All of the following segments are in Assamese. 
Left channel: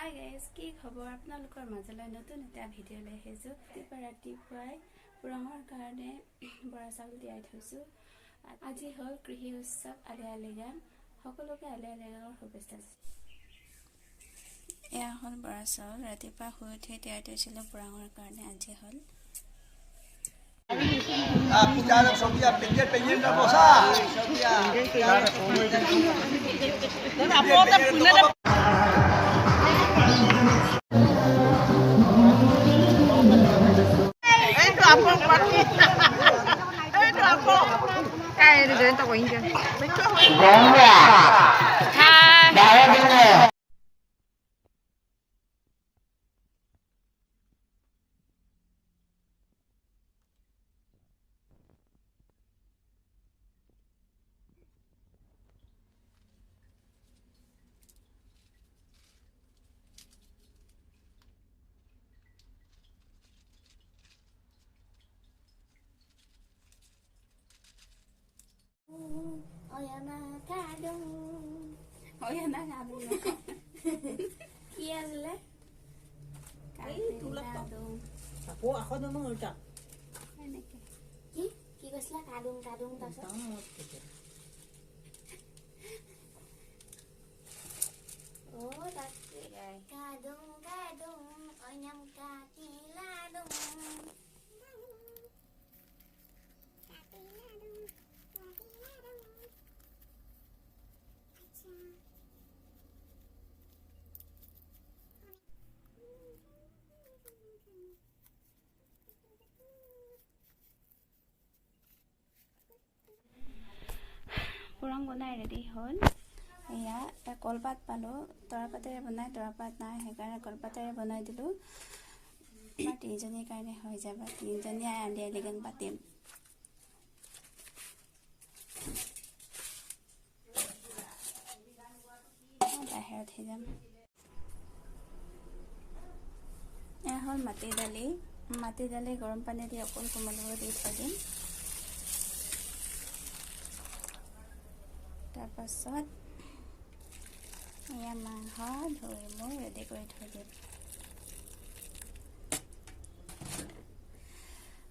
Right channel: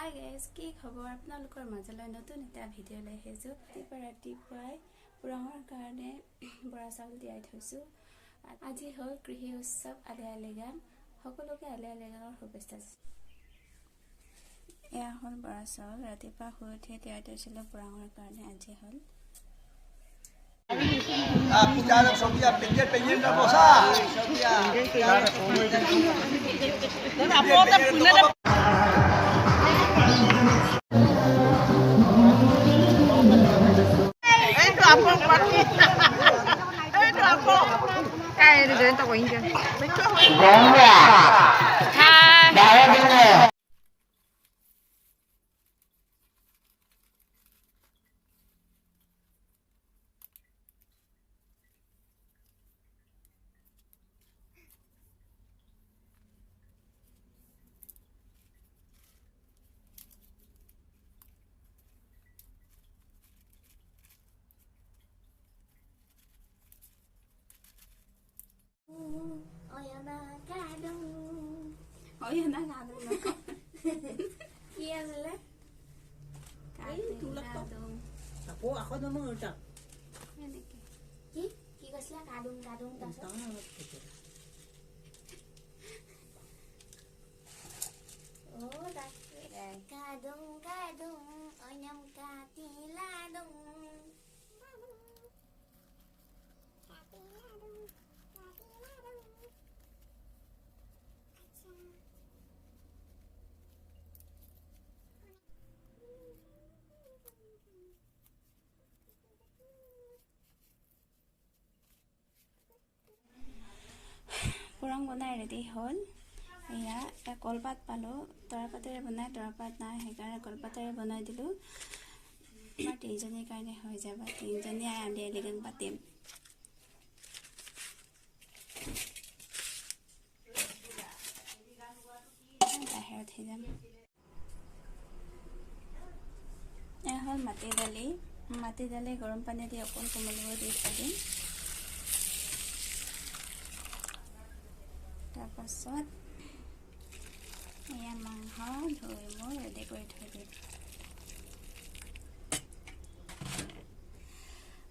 হাই গাইজ, কি খবৰ? আপোনালোকৰ মাজলৈ নতুন এটা ভিডিঅ' লৈ আহিছোঁ। ৰাতিপুৱাই পুৰাঙৰ কাৰণে বৰা চাউল তিয়াই থৈছোঁ। আজি হ'ল কৃষি উৎসৱ আলি আই লৃগাং। সকলোকে আলি আই লৃগাঙৰ শুভেচ্ছা। এয়া হ'ল বৰা চাউল, ৰাতিপুৱা শুই উঠি তিয়াই থৈছিলোঁ পুৰাঙৰ কাৰণে। আজি হ'ল পুৰাং বনাই ৰেডি হ'ল। এয়া কলপাত পালোঁ, তৰাপাতেৰে বনাই, তৰাপাত নাই সেইকাৰণে কলপাতেৰে বনাই দিলোঁ। আমাৰ তিনিজনীৰ কাৰণে হৈ যাব, তিনিজনীয়ে আলি আই লৃগাং পাতিম। বাহিৰত যাম। এয়া হ'ল মাটি দালি গৰম পানী দি অকণ কোমলিব দি থৈ দিম। তাৰপাছত এয়া মাংস ধুই মই ৰেডি কৰি থৈ দিম।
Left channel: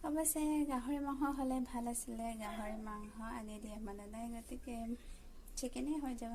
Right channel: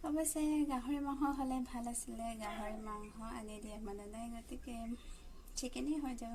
অৱশ্যে গাহৰি মাংস হ'লে ভাল আছিলে, গাহৰি মাংস আনি দিয়া মানে নাই, গতিকে চিকেনেই হৈ যাব।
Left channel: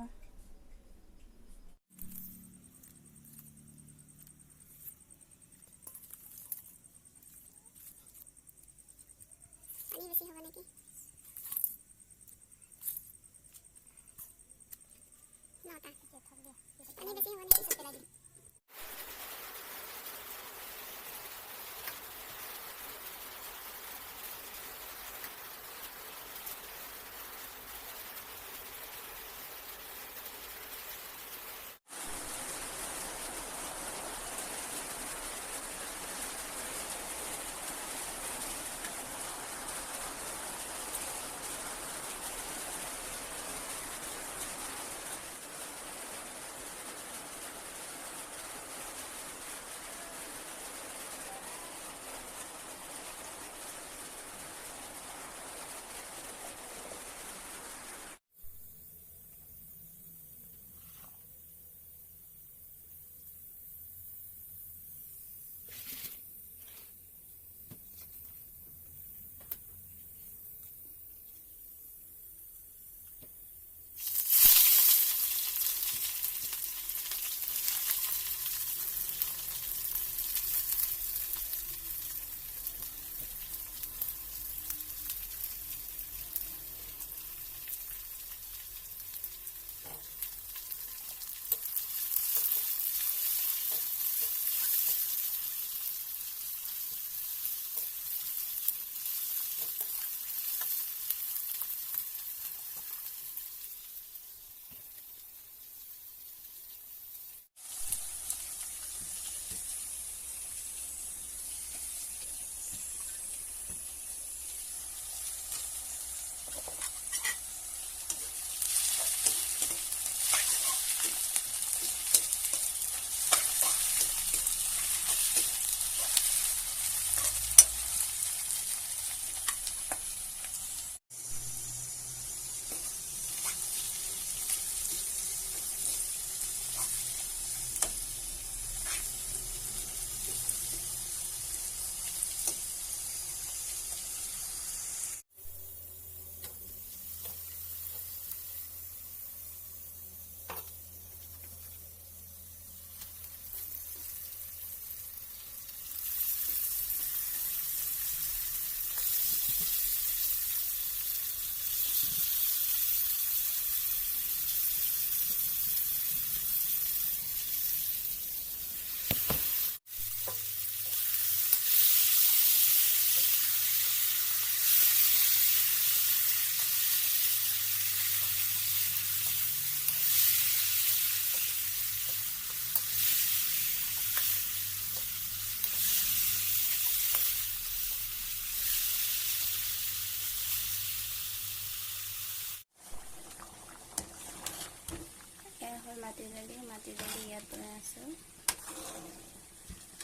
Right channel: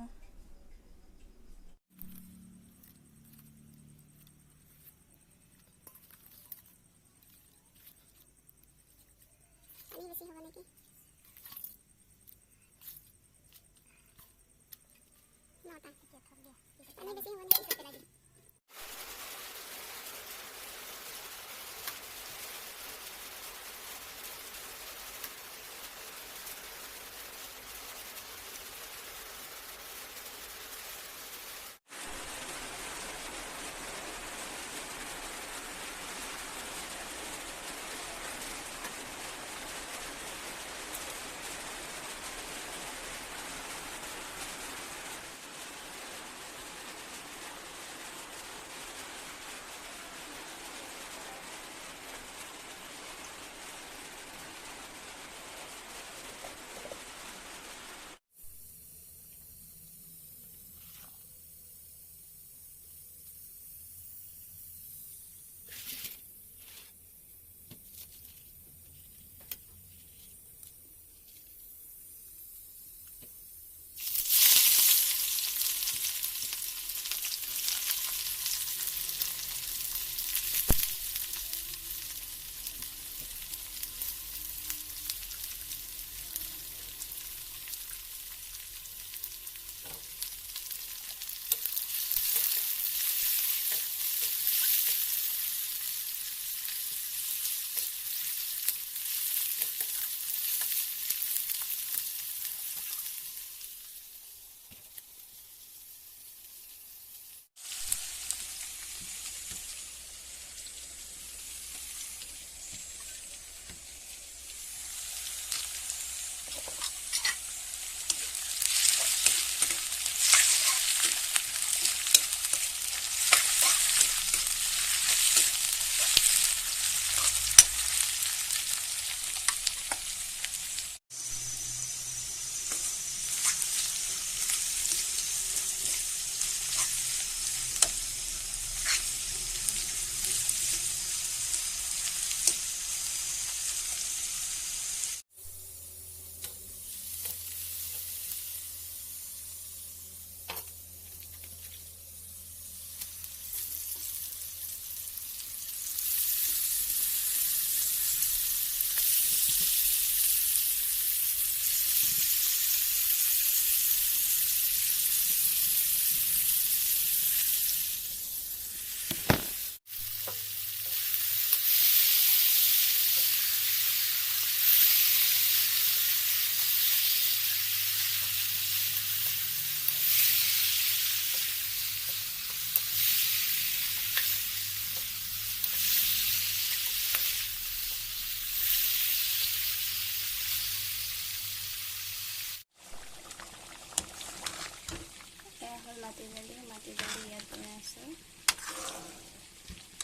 মাটি দালি ইয়াত বনাই আছোঁ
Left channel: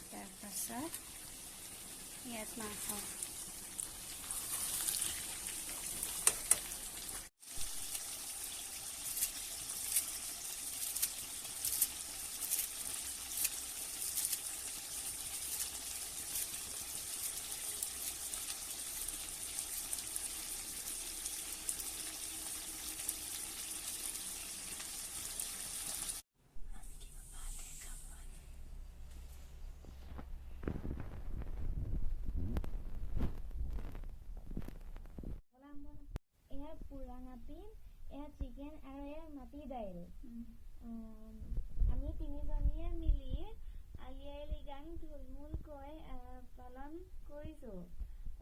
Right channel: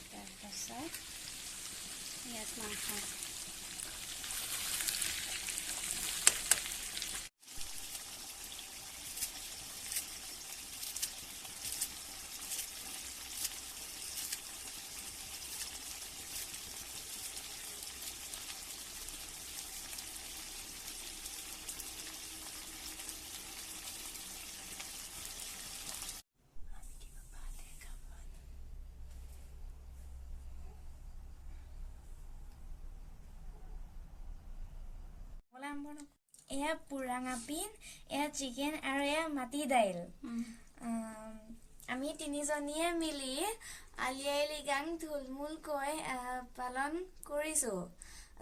তাৰপাছত ইয়াত মাংস এয়া পুৰাঙা পিন এয়া চিকেন আৰু এয়া মাটি দাইল আমি তিনিজনীয়ে মিলি আলি আই লৃগাং থুলমূলকৈ পালন কৰিছোঁ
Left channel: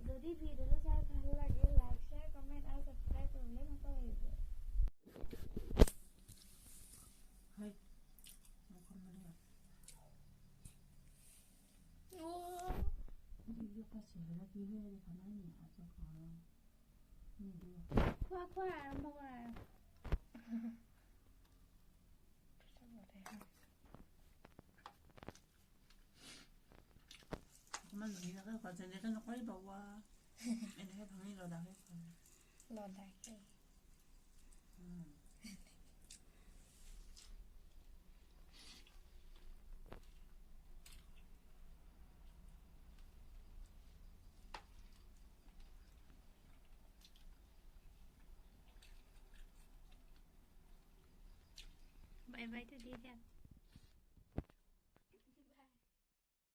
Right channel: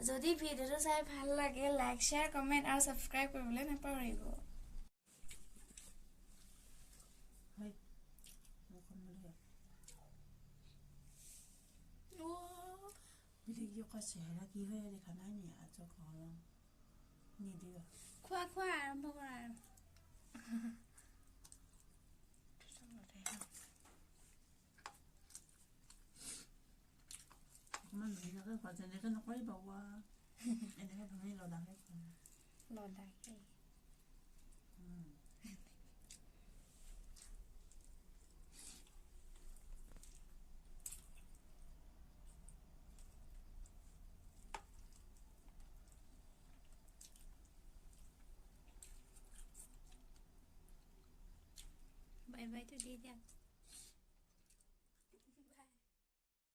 যদি ভিডিঅ'টো চাই ভাল লাগে লাইক শ্বেয়াৰ কমেণ্ট আৰু ছাবস্ক্ৰাইব কৰিবলৈ নাপাহৰিব খোৱা খোৱা আৰম্ভ কৰা যেনেকে নকৰিব এনেকে ধৰি লদাকে বাই বাইটো দি দিয়া